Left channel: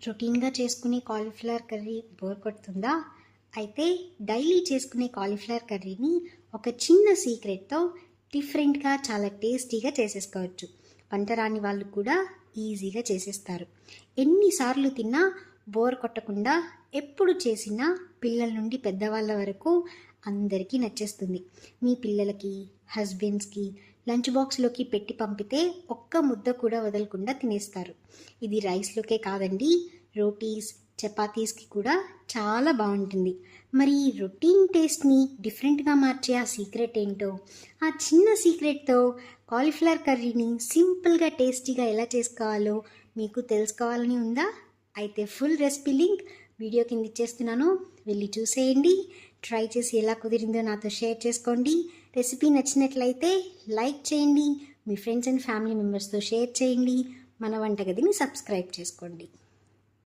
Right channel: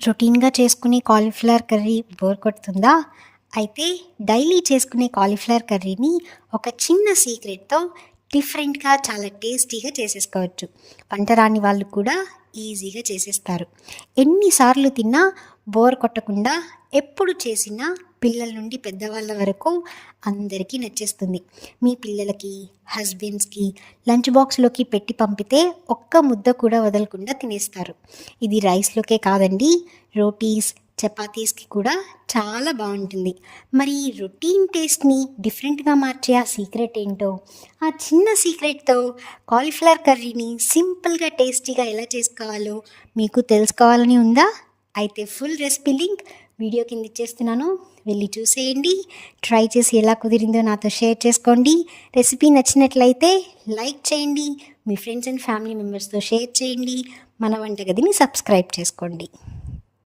రొటీన్‌గా చేసుకునే cauliflower curry bore కొడుతుందా? అయితే డైలీ చేసుకునే కాలీఫ్లవర్ కర్రీని ఒక చిన్న సీక్రెట్‌తో డిఫరెంట్‌గా చాలా టేస్టీగా చేసేసుకోవచ్చు. వంట రాని వాళ్ళు కూడా ఈజీగా చేసేస్తారు. ఎన్నిసార్లు తిన్నా బోర్ కొట్టకుండా ఎప్పుడు చేసినా పిల్లల నుండి పెద్దవాళ్ళ వరకు అందరికీ నచ్చేస్తుంది. మీ పిల్లలకి, హస్బెండ్స్‌కి లంచ్ బాక్స్‌లోకి పెట్టి పంపితే ఒక్క ముద్ద కూడా వదలకుండా తినేస్తారు. ఇది రైస్‌లోకే కాదండి, రోటీస్, చపాతీస్‌కి కూడా చాలా బావుంటుంది. మరి ఈ రొటీన్ టేస్ట్‌ని డిఫరెంట్‌గా మార్చే ఆ సీక్రెట్ ఏంటో, ఆ చిన్న సీక్రెట్‌తో కాలీఫ్లవర్ కర్రీని సింపుల్‌గా, టేస్టీగా ఎలా చేసుకోవాలో మీకు తెలుసుకోవాలని ఉందా? అయితే ఫుల్ రెసిపీ లింక్ వీడియో కింద ఇచ్చేస్తున్నాను. వెళ్ళి చూసేయండి. ట్రై చేసి ఎలా కుదిరిందో నాతో షేర్ చేసుకోండి. రెసిపీ నచ్చినట్లయితే లైక్ చేయండి. మీ ఫ్రెండ్స్ అండ్ ఫ్యామిలీ మెంబర్స్‌తో షేర్ చేయండి. మన వంటగదిని సబ్స్క్రైబ్ చేసుకోండి.